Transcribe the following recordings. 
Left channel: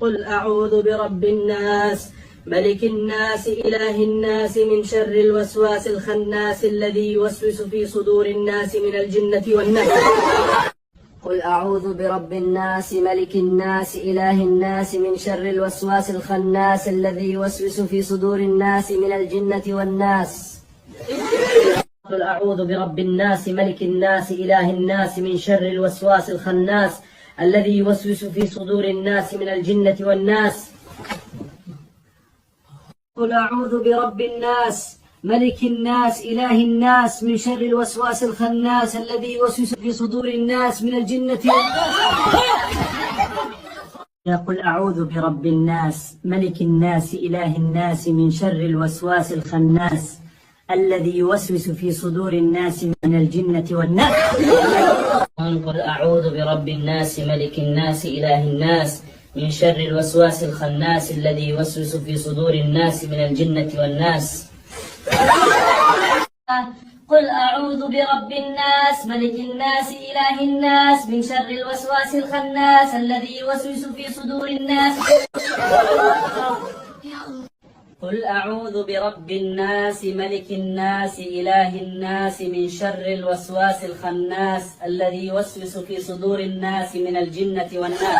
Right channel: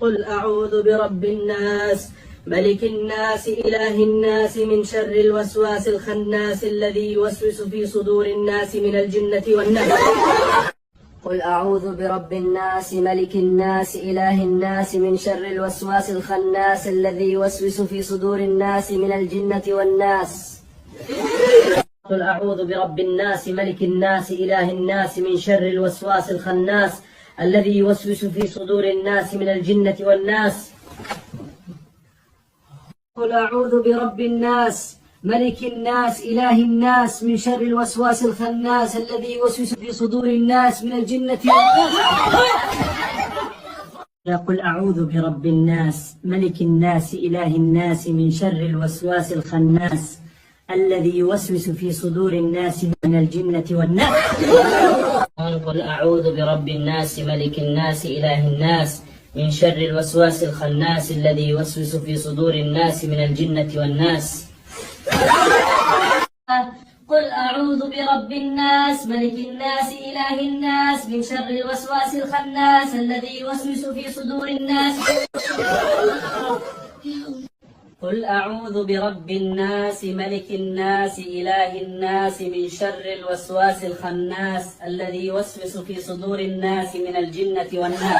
قل أعوذ برب الناس ملك الناس إله الناس من شر الوسواس الخناس الذي يوسوس في صدور الناس من الجنة والناس. قل أعوذ برب الناس ملك الناس إله الناس من شر الوسواس الخناس الذي يوسوس في صدور الناس من الجنة والناس. قل أعوذ برب الناس ملك الناس إله الناس من شر الوسواس الخناس الذي يوسوس في صدور الناس من الجنة والناس. قل أعوذ برب الناس ملك الناس إله الناس من شر الوسواس الخناس الذي يوسوس في صدور الناس من الجنة والناس. قل أعوذ برب الناس ملك الناس إله الناس من شر الوسواس الخناس الذي يوسوس في صدور الناس من الجنة والناس. قل أعوذ برب الناس ملك الناس إله الناس من شر الوسواس الخناس الذي يوسوس في صدور الناس من الجنة والناس. قل أعوذ برب الناس ملك الناس إله الناس من شر الوسواس الخناس الذي يوسوس في صدور الناس. قل أعوذ برب الناس ملك الناس إله الناس من شر الوسواس الخناس الذي يوسوس في صدور الناس من الجنة والناس.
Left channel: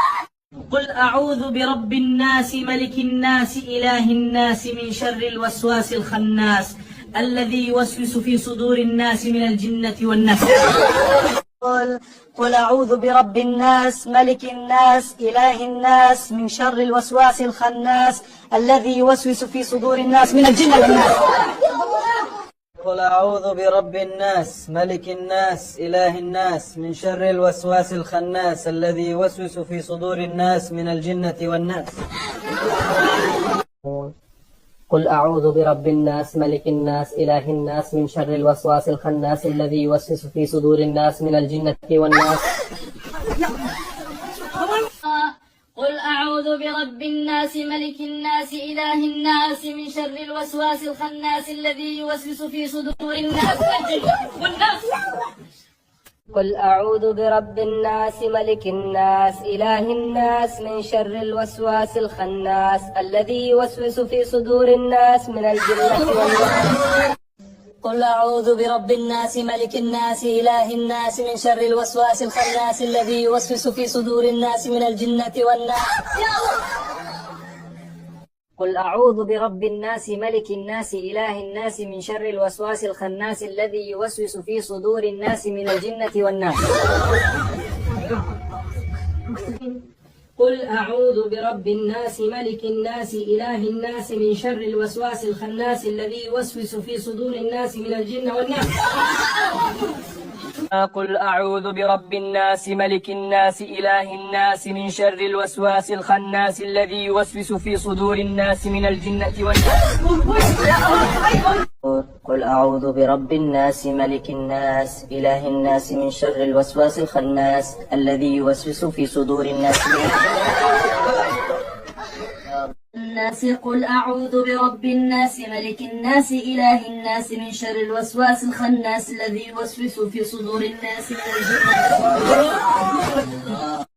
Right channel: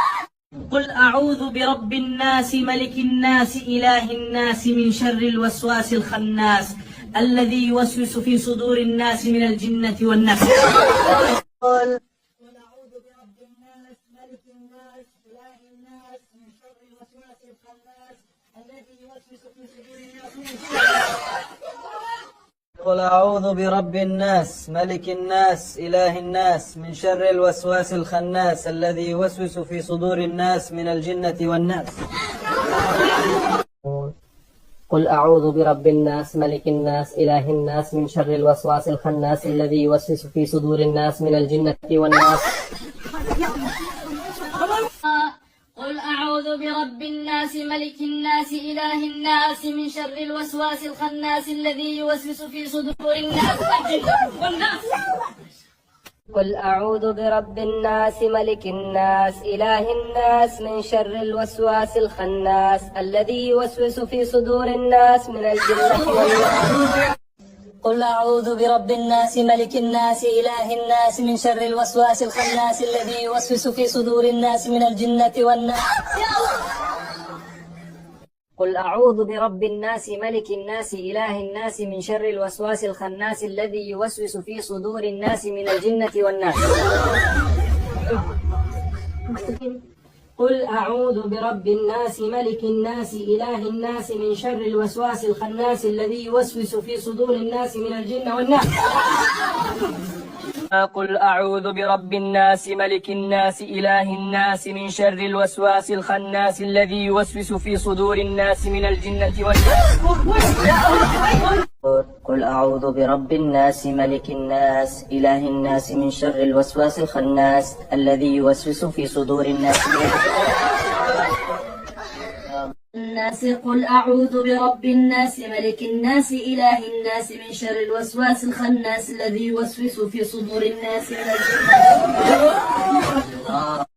قل أعوذ برب الناس ملك الناس إله الناس من شر الوسواس الخناس الذي يوسوس في صدور الناس من الجنة والناس. قل أعوذ برب الناس ملك الناس إله الناس من شر الوسواس الخناس الذي يوسوس في صدور الناس من الجنة والناس. قل أعوذ برب الناس ملك الناس إله الناس من شر الوسواس الخناس الذي يوسوس في صدور الناس من الجنة والناس. قل أعوذ برب الناس ملك الناس إله الناس من شر الوسواس الخناس الذي يوسوس في صدور الناس من الجنة والناس. قل أعوذ برب الناس ملك الناس إله الناس من شر الوسواس الخناس الذي يوسوس في صدور الناس والناس. قل أعوذ برب الناس ملك الناس إله الناس من شر الوسواس الخناس الذي يوسوس في صدور الناس من الجنة والناس. قل أعوذ برب الناس ملك الناس إله الناس من شر الوسواس الخناس الذي يوسوس في صدور الناس من الجنة والناس. قل أعوذ برب الناس ملك الناس إله الناس من شر الوسواس الخناس الذي يوسوس في صدور الناس من الجنة والناس. قل أعوذ برب الناس ملك الناس إله الناس من شر الوسواس الخناس الذي يوسوس في صدور الناس من الجنة والناس. قل أعوذ برب الناس ملك الناس إله الناس من شر الوسواس الخناس الذي يوسوس في صدور الناس من الجنة والناس. قل أعوذ برب الناس ملك الناس إله الناس من شر الوسواس الخناس الذي يوسوس في صدور الناس من الناس. قل أعوذ برب الناس ملك الناس إله الناس من شر الوسواس الخناس الذي يوسوس في صدور الناس من الجنة والناس.